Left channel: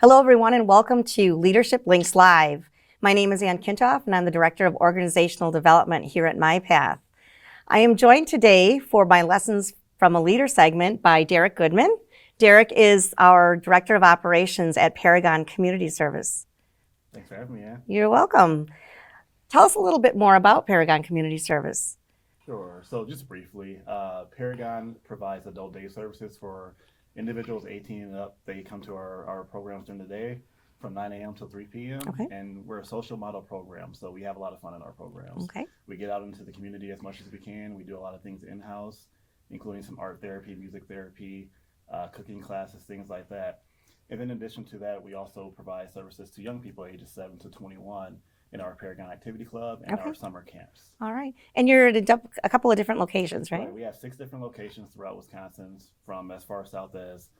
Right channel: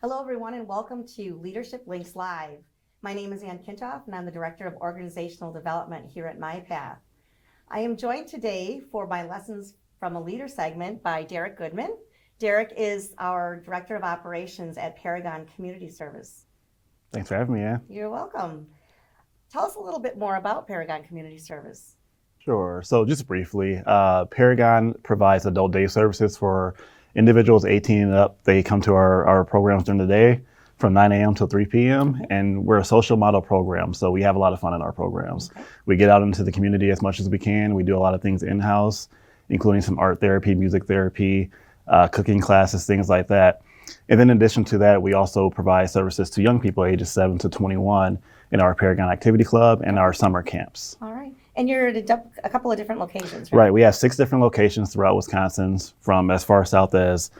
Hello, everyone, and welcome to Leadership Links Live. My name is Kintopf, and I'm the Director of Organizational Development here at MyPath. I am joined today for my Lessons from a Leader segment by Derek Goodman. Derek is our Director of Operations at Paragon Community Services. Thanks for having me, Ann. You're welcome. Tell us a little bit more about Paragon Community Services. Sure. So just briefly, Paragon provides adult day services for individuals 18 and up. They come to our programs during the day from 9 a.m. till 3 p.m. Okay. And we're a social model program, so we have a lot of fun in our programs. Okay. We get out into the community as much as we can. We do a lot of things in-house, including some art therapy, music therapy, cooking classes, things like that. And then in addition to that, we also provide services to young people ages 7 to 21 in our Paragon Activity Club and our summer camps. All right. And you're at a couple of different locations, right? Right. We have 6 different locations throughout Wisconsin, from as far south as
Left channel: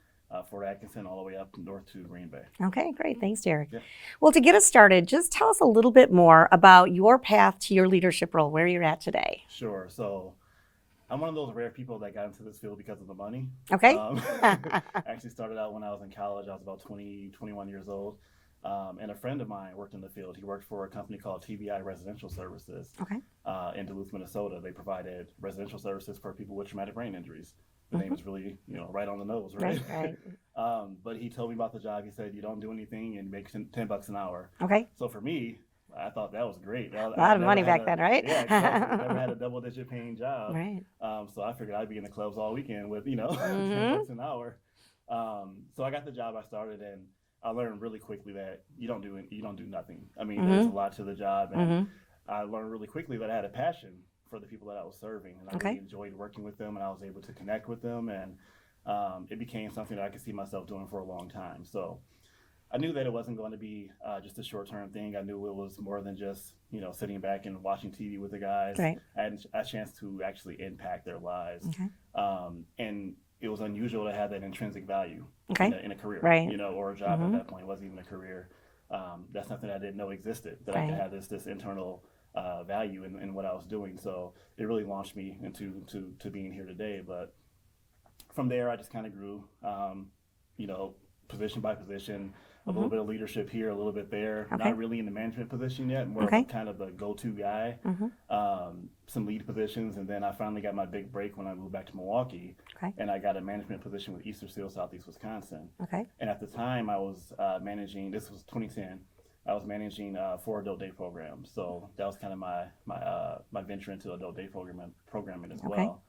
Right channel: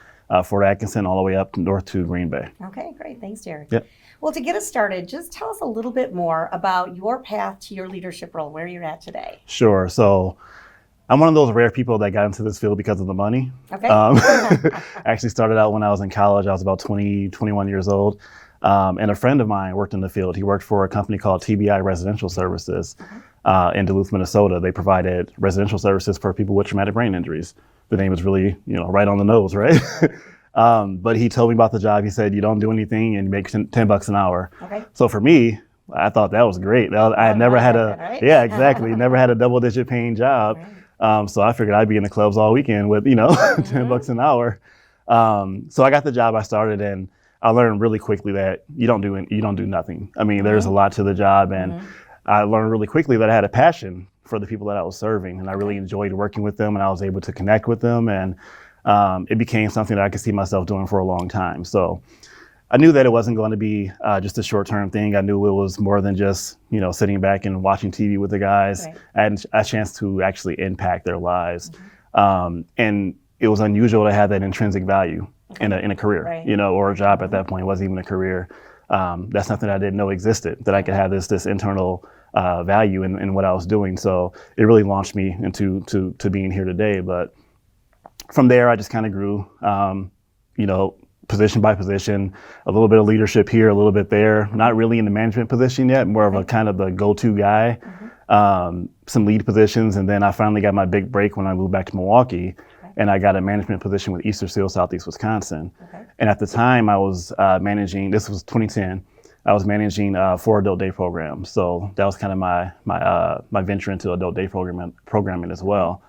Fort Atkinson all the way up north to Green Bay. Okay, great. Thanks, Derek. Yep. Well, to get us started, just tell us a little bit more about your path to your leadership role, where you're at today. Sure. So I'm one of those rare people that got into this field because of the money. Okay. I actually started out when I was in college. I was about 20, 21 years old. And a friend of mine worked in the field. He worked for a company called TBI Residential Services in Duluth, Minnesota. They provided residential services for people with traumatic brain injuries. The name is really, right on the nose, right? But he told me about the job. He said, you don't do anything and you make $10 an hour. Okay. So for me, I thought that was great. I had never had right? Yeah, exactly. Never had a double-digit paying job. Right. So I figured I'd be in the clubs all weekend with, $10 an hour. So I got the job. I started, and I learned really quickly that you don't do nothing. I mean, there's a lot to the job, and I learned really quickly that I had a passion for the people that I was serving, and I really enjoyed working with them, and I was able to connect with them, and it became something that I could see myself doing for a long time. So I knew that it wasn't going to be just a short-term thing. I knew it was more than just, sitting back and watching TV with the guys. Right. I had a chance to actually impact their lives. And it was unusual to have that intrinsic value in a career, Right. Or a job at that point. It wasn't even a career. That's something I didn't know existed, that I could have this internal value in what I was doing. So it really launched me into being here today. But from there, I just kind of grew, position by position, a little bit of leadership here, a little bit there, not really in the management position yet, more of a kind of the go-to guy, some lead positions. And then I finally got my big break when I moved back to Milwaukee, and I got a management position with Easter Seal, Southeast Wisconsin. And at the time I was managing, this was 2010, I was managing 4 adult day programs. So that was kind of my venture into adult day programming as well.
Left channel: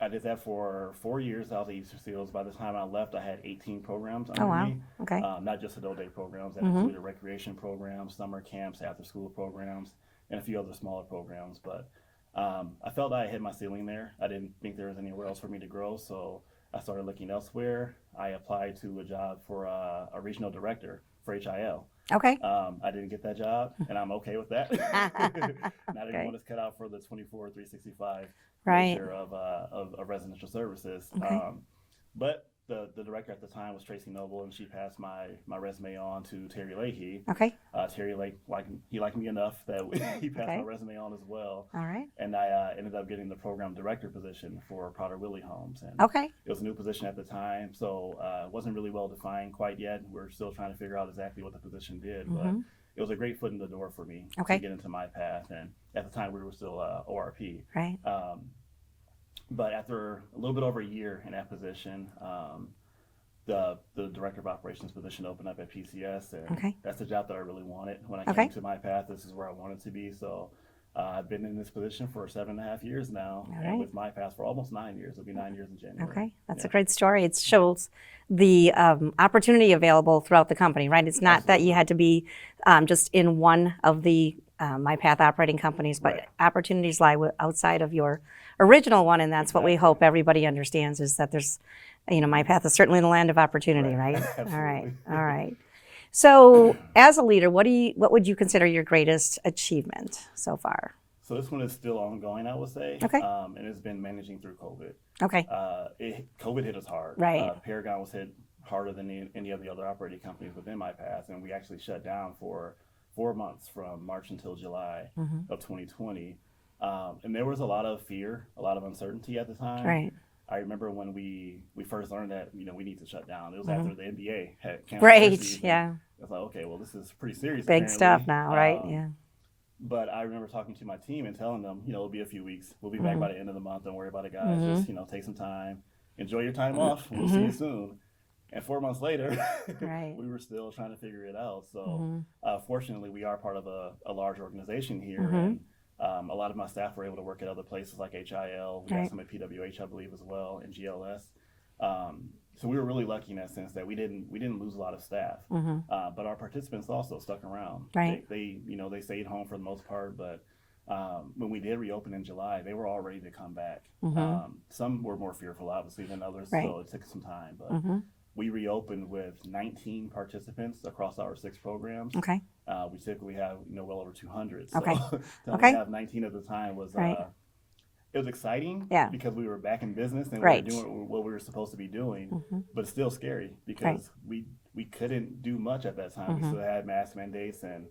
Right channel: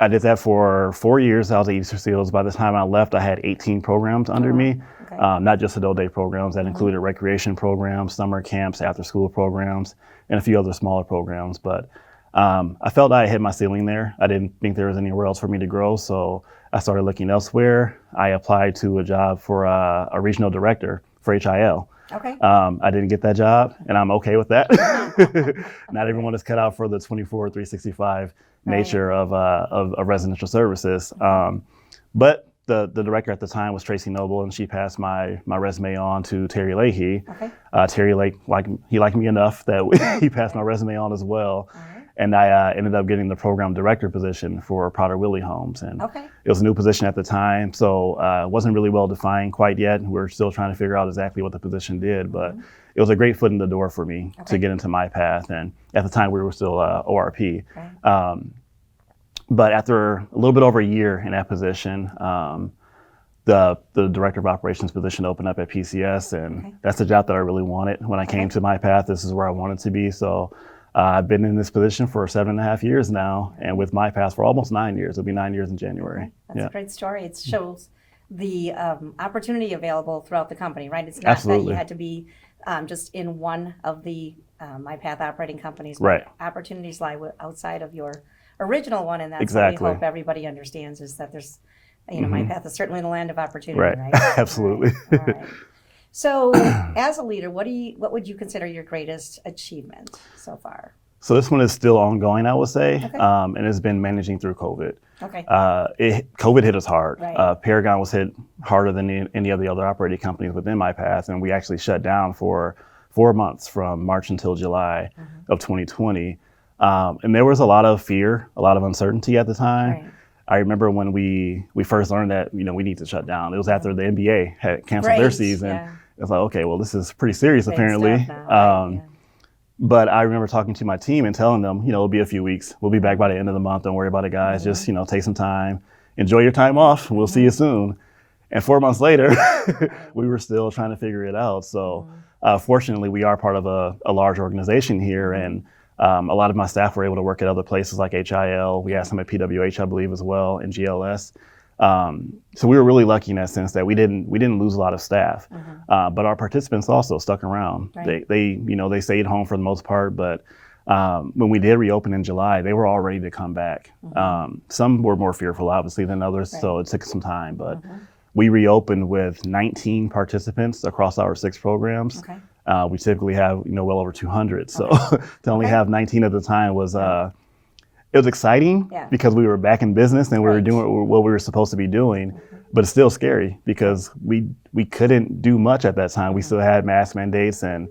I did that for 4 years. I was at Easter Seals. By the time I left, I had 18 programs under me, not just adult day programs. That included recreation programs, summer camps, after-school programs, and a few other smaller programs. But I felt I hit my ceiling there. I didn't think there was anywhere else for me to grow, so I started looking elsewhere. I applied to a job for a regional director for HIL. Okay. I didn't get that job, and I'm okay with that. Not everyone is cut out for the 24/365 nature of residential services. But the director at the time was Tracy Noble, and she passed my resume on to Terry Leahy. Terry liked me enough that he passed my resume on as well. And I ended up getting the program director position for Potter Willie Homes. And it was a new position at the time, so it wasn't really well defined quite yet. We're still trying to figure out exactly what the position did, but it was a great foot in the door for me to get into MyPath. And at the time we were still ORP. But after a little bit over a year in that position, the director of operations position opened up at PCS, and that's the job that I really wanted. When I came to MyPath, this is where I wanted to be. So I've been in this position for 7.5 years now, and with MyPath for almost 9 years. It'll be 9 years in January. That's a great story. It shows the opportunity available throughout the company, right? It's not that you had to be just in one of the MyPath operating companies, but opportunities lie outside of your original one, and that's what we hope everybody understands, is that there's, MyPath is certainly the land of opportunity, right? Absolutely. All right. So as a leader, what would you consider your greatest achievement so far? So this one is still ongoing, I would say, and it's been managing through COVID. COVID hit us hard. Paragon was hit harder than any of the other operating companies within MyPath, and we actually shut down for 4 months from March until July of 2020. And there was a lot of fear, a lot of uncertainty at the time. I remember when we first learned that, we need to shut down. It was after the NBA had canceled Right, their season. yeah. It's like, okay, well, this is pretty serious Big apparently. stuff now, right? Yeah. But I remember talking to my team and telling them, it'll be a few weeks. We'll be back by the end of the month. Don't worry about it, guys. Just, take some time. Enjoy your time off. We'll see you soon. And 4 months later, we were still trying to figure it out. So fortunately, we are part of a large organization here. And a lot of my staff were able to work at other places like HIL. We had some at PWH, I believe, as well, and GLS. So we were really lucky in that sense that we didn't lose a lot of staff, but our participants also stuck around. Right. They stayed home for the most part, but when we did reopen in July, they were all ready to come back. Some were more fearful, obviously, than others, so it took some time. But we reopened with 19 participants across our 6 programs. Okay. We typically have well over 200, so to only have 19 at the time was. It was exciting because we were back in business and we were doing what we were supposed to be doing, but it's still scary because we couldn't do much at that time. We still had mask mandates and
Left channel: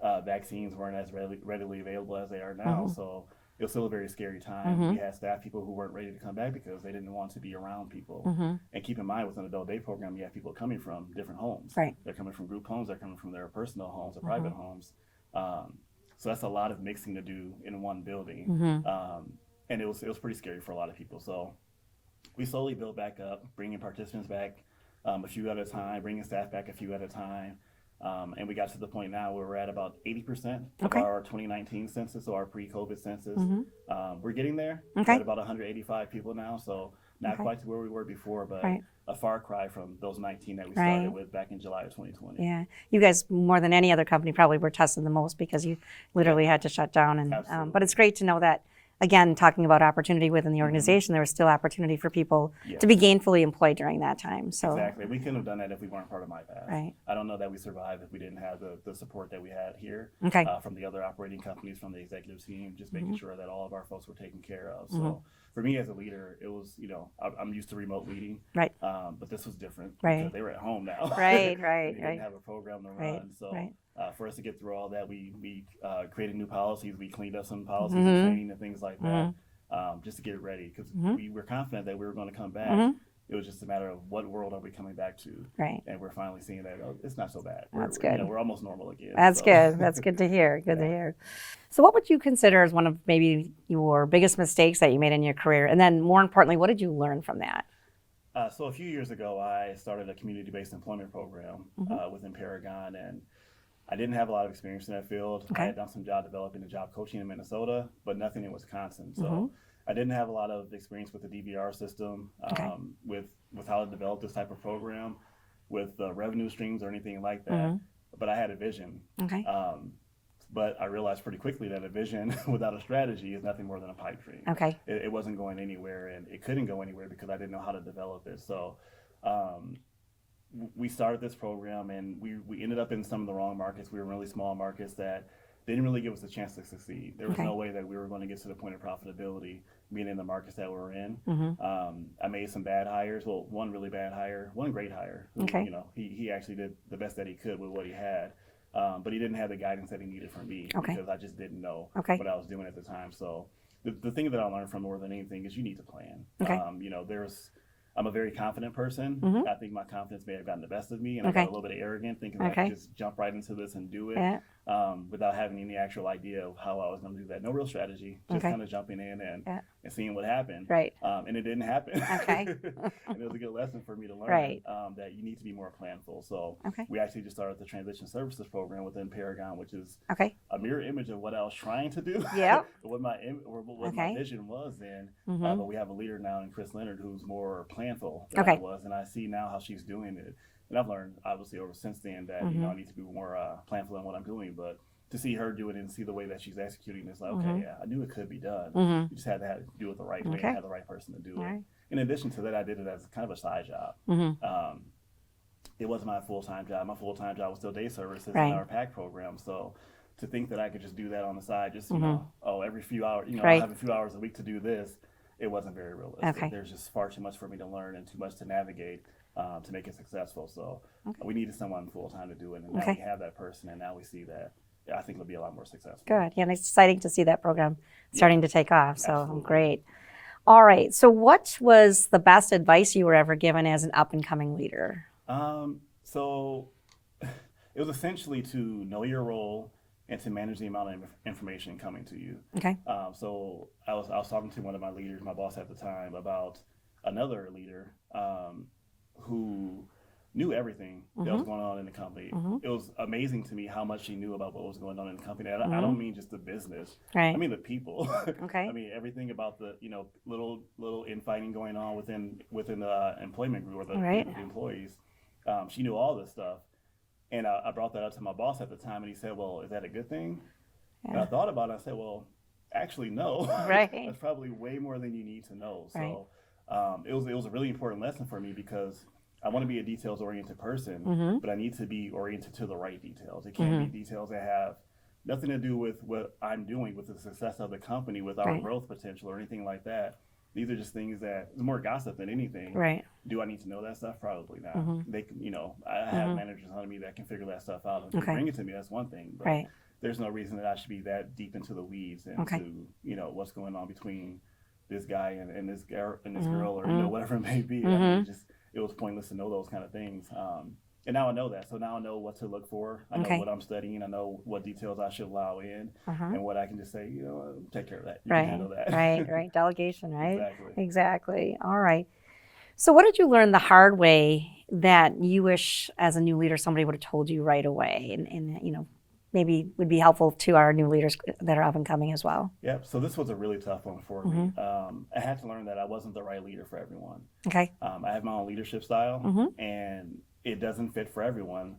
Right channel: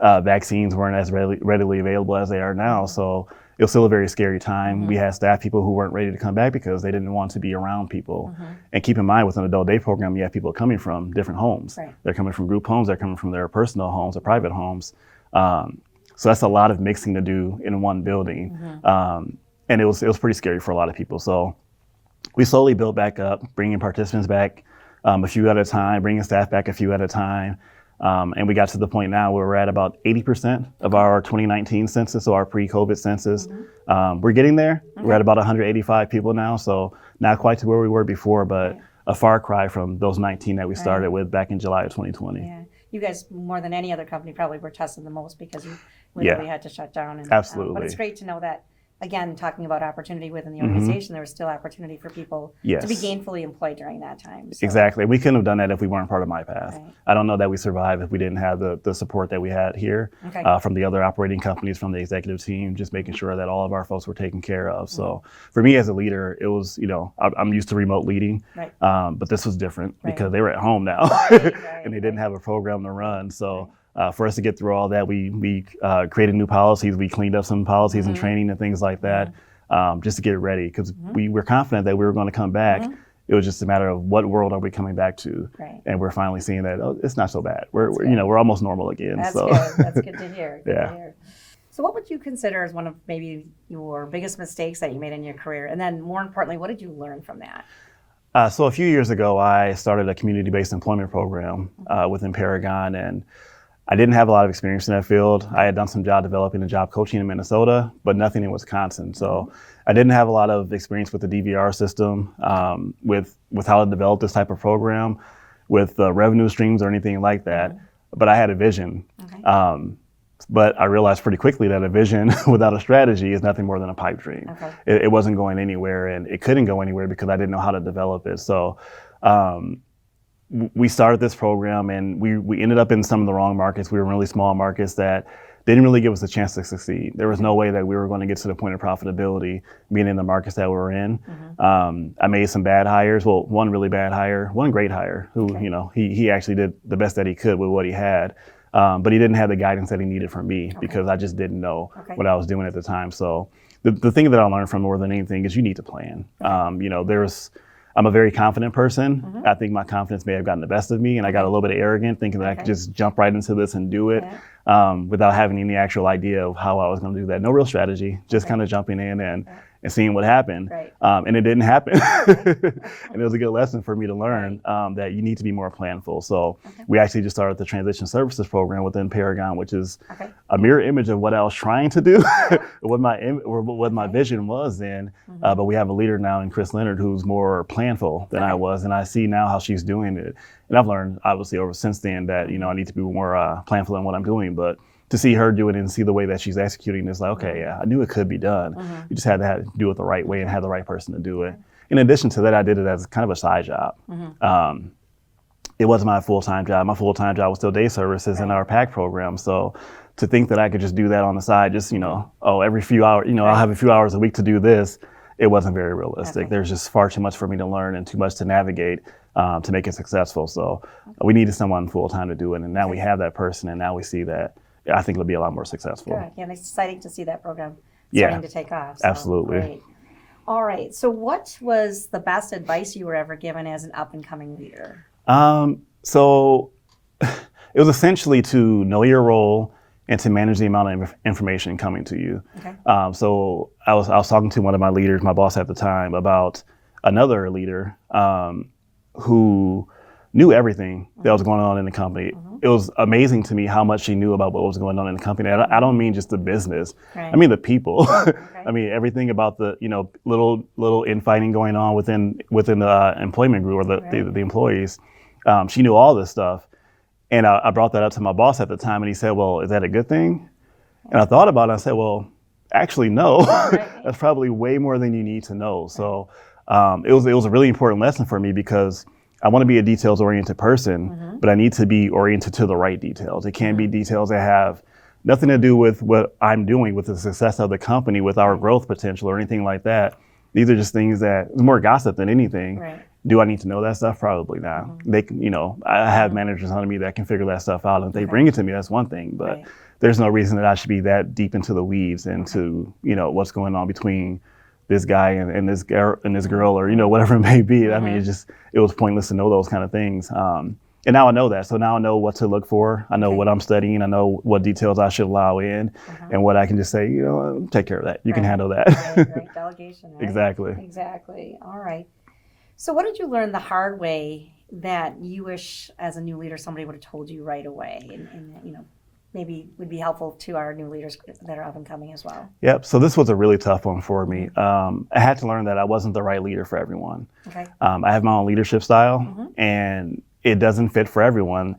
vaccines weren't as readily available as they are now. So it was still a very scary time. We had staff people who weren't ready to come back because they didn't want to be around people. And keep in mind, with an adult day program, you have people coming from different homes. Right. They're coming from group homes, they're coming from their personal homes or private homes. So that's a lot of mixing to do in one building. And it was pretty scary for a lot of people. So we slowly built back up, bringing participants back a few at a time, bringing staff back a few at a time. And we got to the point now where we're at about 80% of our 2019 census, so our pre-COVID census. We're getting there. We're at about 185 people now, so not quite to where we were before, but a far cry from those 19 that we started with back in July of 2020. Yeah, you guys, more than any other company, probably were tested the most because you literally had to shut down. And, absolutely. But it's great to know that, again, talking about opportunity within the organization, there was still opportunity for people to be gainfully employed during that time. So. Exactly. We couldn't have done that if we weren't part of MyPath. Right. I don't know that we survived if we didn't have the support that we had here from the other operating companies, from the executive team, just making sure that all of our folks were taken care of. So for me as a leader, it was, I'm used to remote leading, but this was different because they were at home now and they didn't have a program to run. So. For us to get through all that, we created new policies. We cleaned up some policies and training and things like that, just to get ready because we were confident that we were going to come back. It was just a matter of what world are we coming back to, and we're finally seeing that it's not so bad. We're almost normal again. That's so. good. That's good to hear. Good to hear. So, what would you consider as one of maybe your biggest mistakes that you made in your career, and then more importantly, what did you learn from that? So a few years ago, I started a community-based employment program within Paragon, and I didn't have a lot of experience in that field. I had done some job developing and job coaching in Minnesota, but nothing in Wisconsin. So I didn't have a lot of experience with the DVR system, with how to develop this type of program, with revenue streams or anything like that. But I had a vision. But I realized pretty quickly that a vision without a strategy is nothing more than a pipe dream. It wasn't going anywhere, and it couldn't go anywhere because I didn't know how to develop it. So we started this program, and we ended up in some of the wrong markets. We were in really small markets that didn't really give us a chance to succeed. There was no way that we were going to get to the point of profitability being in the markets that we were in. I made some bad hires. Well, one really bad hire, one great hire, who he actually did the best that he could with what he had. But he didn't have the guidance that he needed from me because I just didn't know what I was doing at the time. So the thing that I learned from more than anything is you need to plan. I'm a very confident person. I think my confidence may have gotten the best of me, and I got a little bit arrogant, thinking that I could just jump right into this and do it without having any actual idea of how I was going to do that. No real strategy, just kind of jumping in and seeing what happened. And it didn't happen. And it was a good lesson for me to learn that you need to be more planful. So we actually just started the transition services program within Paragon, which is a mirror image of what I was trying to do, what my vision was then. But we have a leader now in Chris Leonard who's more planful than I was, and I see now how she's doing it. And I've learned obviously over since then that I need to be more planful in what I'm doing. But to see her do it and see the way that she's executing is like, okay, I knew it could be done. You just had to do it the right way and have the right person to do it. In addition to that, I did it as kind of a side job. It wasn't my full-time job. My full-time job was still day services in our PAC program. So to think that I could just do that on the side, just, every few hours, I'll have a few hours a week to do this, it wasn't very realistic. There's just far too much for me to learn and too much to navigate to make it successful. So we needed someone full-time to do it. And now we have that person, and now we see that I think it'll be a lot more successful. Good. Yeah, and it's exciting to see that program starting to take off. So absolutely. Great. All right. So what was the best advice you were ever given as an up-and-coming leader? So it was essentially to know your role and to manage the amount of information coming to you. Okay. So I was talking to one of my leaders, my boss at the time, about another leader who knew everything that was going on in the company. It was amazing to me how much she knew about what was going on in the company. I don't mean just the business. Right. I mean the people. Okay. I mean everything about the little infighting going on within the employment group or the employees. She knew all this stuff, and I brought that up to my boss at the time, and he said, "Well, is that a good thing?" And I thought about it. And I said, "Well, actually, no. Right. That's probably way more than you need to know." So it was a really important lesson for me because I want to be a details-oriented person, but I need to be oriented to the right details. It can't be details that have nothing to do with what I'm doing, with the success of the company, with our growth potential or anything like that. These are just things that it's more gossip than anything. Right. Do I need to know that stuff? Probably not. They, I have managers under me that can figure that stuff out. And if they bring it to me, that's one thing. But there's no reason that I should be that deep into the weeds into what's going on between this guy and this girl or whatever it may be. I mean, it was pointless to know those kind of things. And now I know that. So now I know what to look for. I know what I'm studying. I know what details I should allow in and what I can just say, take care of that. You can handle that. Right. Delegation, right? Exactly. All right. So what did you learn the hard way that you wish as a new leader somebody would have told you right away and maybe would be helpful to our new leaders that are up and coming as well? Yep. So this was a really tough one for me. I had to learn that I wasn't the right leader for everyone. Okay. I have my own leadership style and it doesn't fit for everyone.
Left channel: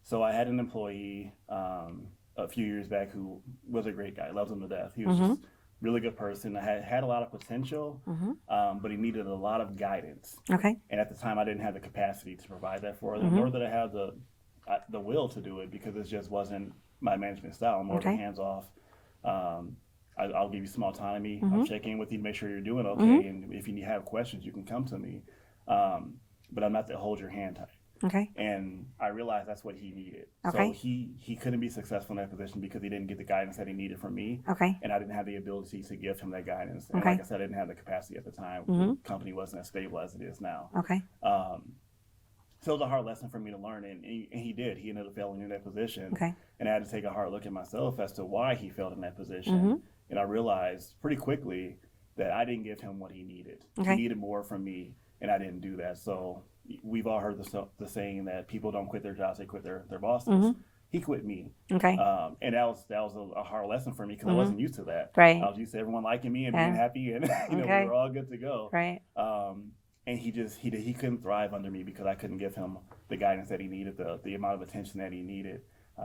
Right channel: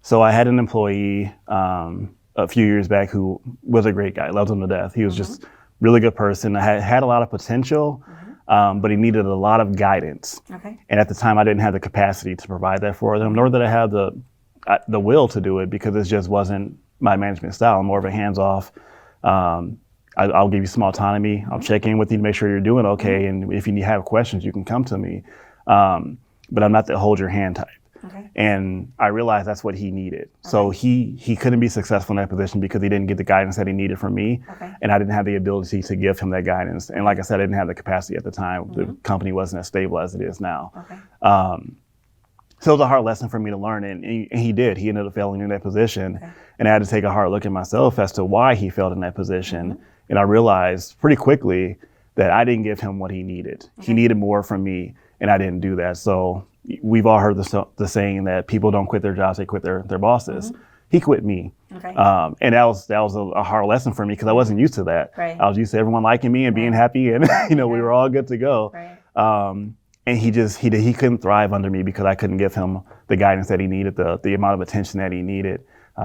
So I had an employee a few years back who was a great guy, loved him to death. He was just really good person. I had a lot of potential, but he needed a lot of guidance. Okay. And at the time I didn't have the capacity to provide that for them, nor did I have the will to do it because it just wasn't my management style. I'm more of a hands-off. I'll give you some autonomy. I'll check in with you to make sure you're doing okay. And if you have questions, you can come to me. But I'm not the hold your hand type. Okay. And I realized that's what he needed. Okay. So he couldn't be successful in that position because he didn't get the guidance that he needed from me. Okay. And I didn't have the ability to give him that guidance. And like I said, I didn't have the capacity at the time. The company wasn't as stable as it is now. Okay. So it was a hard lesson for me to learn, and he did. He ended up failing in that position, and I had to take a hard look at myself as to why he failed in that position. And I realized pretty quickly that I didn't give him what he needed. He needed more from me, and I didn't do that. So we've all heard the saying that people don't quit their jobs; they quit their bosses. He quit me, and that was a hard lesson for me because I wasn't used to that. Right. I was used to everyone liking me and being happy, and we were all good to go. Right. And he couldn't thrive under me because I couldn't give him the guidance that he needed, the amount of attention that he needed,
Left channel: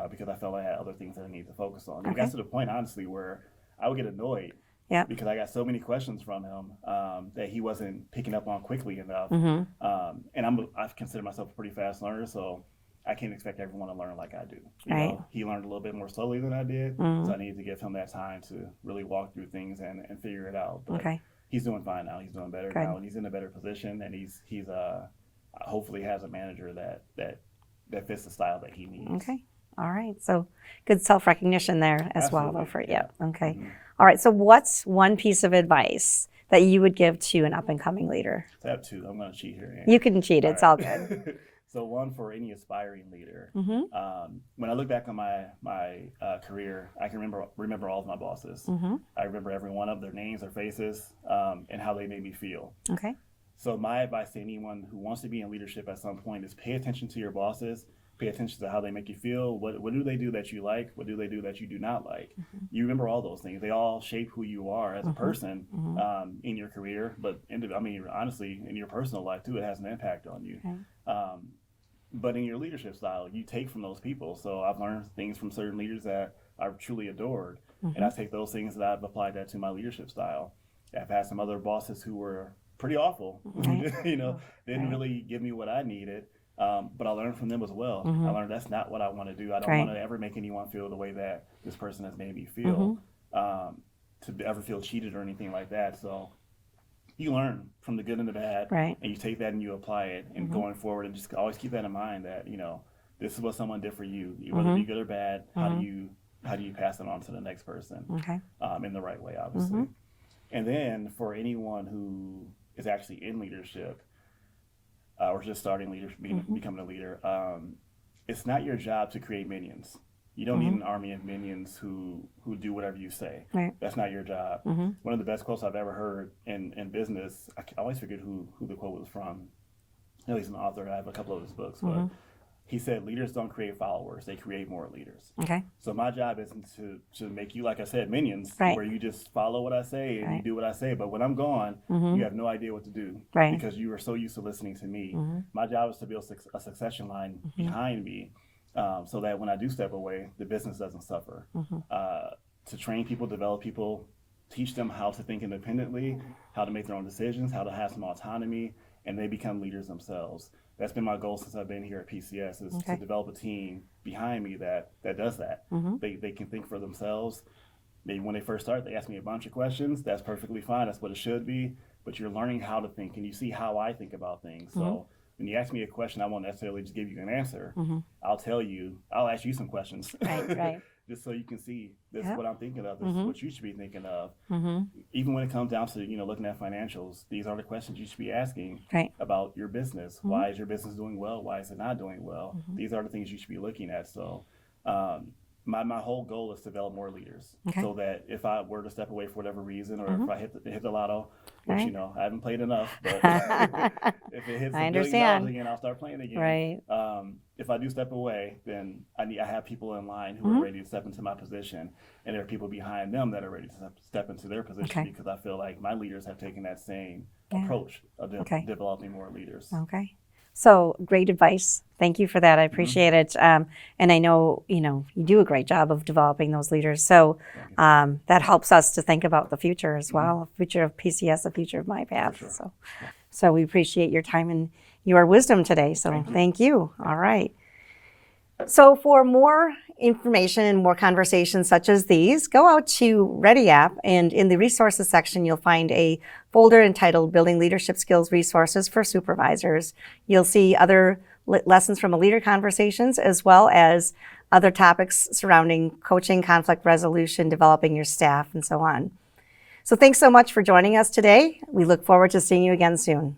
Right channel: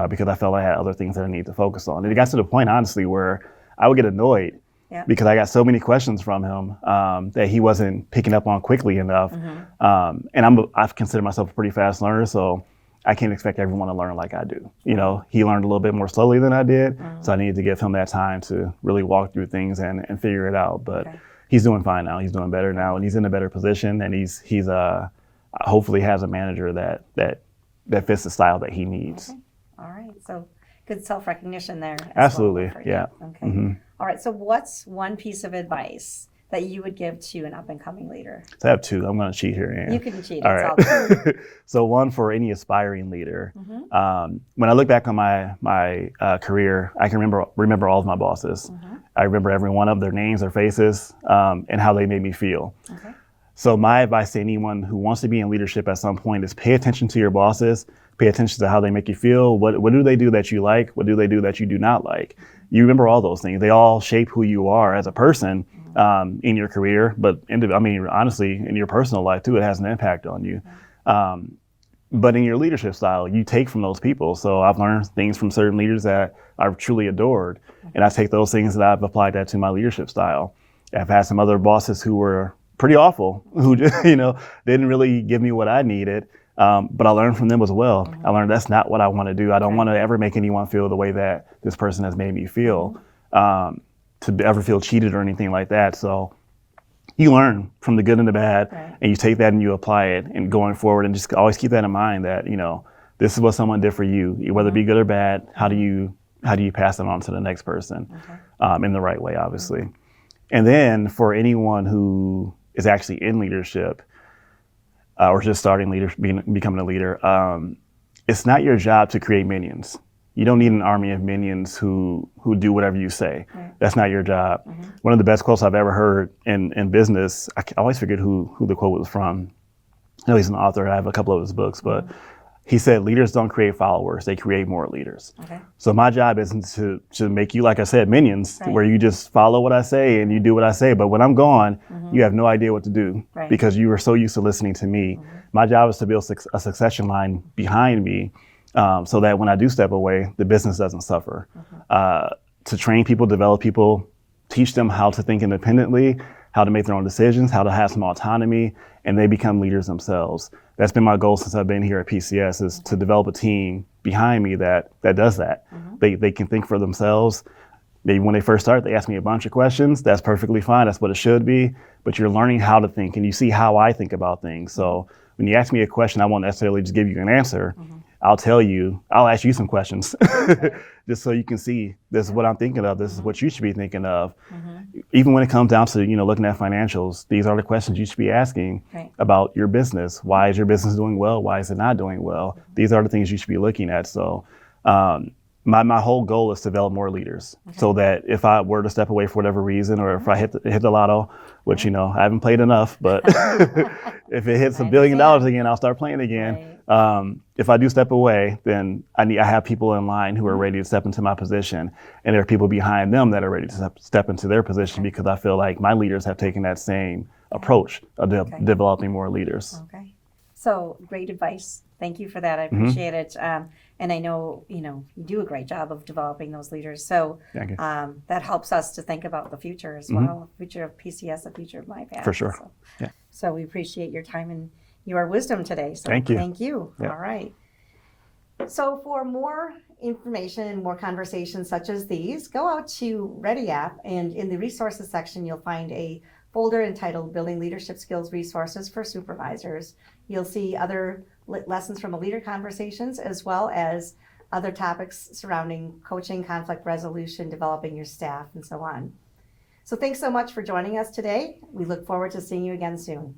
because I felt I had other things that I needed to focus on. And it got to the point, honestly, where I would get annoyed because I got so many questions from him that he wasn't picking up on quickly enough. And I've considered myself a pretty fast learner, so I can't expect everyone to learn like I do. He learned a little bit more slowly than I did, so I needed to give him that time to really walk through things and figure it out. But he's doing fine now. He's doing better now, and he's in a better position. And he's hopefully has a manager that fits the style that he needs. Okay, all right. So good self-recognition there as Absolutely. well for you. Yeah. Okay. All right. So what's one piece of advice that you would give to an up-and-coming leader? So I have two. I'm going to cheat here, Ann. You can cheat. All It's right. all good. So one for any aspiring leader. When I look back on my career, I can remember all of my bosses. I remember every one of their names, their faces, and how they made me feel. Okay. So my advice to anyone who wants to be in leadership at some point is pay attention to your bosses, pay attention to how they make you feel. What do they do that you like? What do they do that you do not like? You remember all those things. They all shape who you are as a person in your career, but honestly, in your personal life too, it has an impact on you. But in your leadership style, you take from those people. So I've learned things from certain leaders that I've truly adored, and I take those things and I've applied that to my leadership style. I've had some other bosses who were pretty awful, who didn't really give me what I needed. But I learned from them as well. I learned that's not what I want to do. I don't want to ever make anyone feel the way that this person has made me feel, to ever feel cheated or anything like that. So you learn from the good and the bad, and you take that and you apply it and going forward, and just always keep that in mind that, this is what someone did for you, whether it be good or bad. How do you pass it on to the next person in the right way, obviously. And then for anyone who is actually in leadership or just starting becoming a leader, it's not your job to create minions. You don't need an army of minions who do whatever you say. Right. That's not your job. One of the best quotes I've ever heard in business, I always forget who the quote was from. I know he's an author. I have a couple of his books, but he said, leaders don't create followers, they create more leaders. Okay. So my job isn't to make you, like I said, minions, where you just follow what I say and you do what I say. But when I'm gone, you have no idea what to do because you were so used to listening to me. My job is to build a succession line behind me so that when I do step away, the business doesn't suffer. To train people, develop people, teach them how to think independently, how to make their own decisions, how to have some autonomy, and they become leaders themselves. That's been my goal since I've been here at PCS, is to develop a team behind me that does that. They can think for themselves. Maybe when they first start, they ask me a bunch of questions. That's perfectly fine. That's what it should be. But you're learning how to think, and you see how I think about things. So when you ask me a question, I won't necessarily just give you an answer. I'll ask you some questions. Just so you can see, this is what I'm thinking of, this is what you should be thinking of. Even when it comes down to, looking at financials, these are the questions you should be asking about your business. Why is your business doing well? Why is it not doing well? These are the things you should be looking at. So my whole goal is to develop more leaders so that if I were to step away for whatever reason, or if I hit the lotto, which, I haven't played enough, but if it hits $1 billion again, I'll start playing again. If I do step away, then I have people in line who are ready to step into my position, and there are people behind them that are ready to step into their position because I feel like my leaders have taken that same approach of developing more leaders. Okay. So great advice. Thank you for that. I appreciate it. And I know, you do a great job of developing those leaders. So that helps us to think about the future as well, the future of PCS, the future of MyPath. For sure. So we appreciate your time and your wisdom today. So thank you. All right. So for more information and more conversations such as these, go out to Ready app, and in the resources section, you'll find a folder entitled Building Leadership Skills Resources for Supervisors. You'll see other lessons from a leader conversations, as well as other topics surrounding coaching, conflict resolution, developing your staff, and so on. So thanks so much for joining us today. We look forward to seeing you again soon.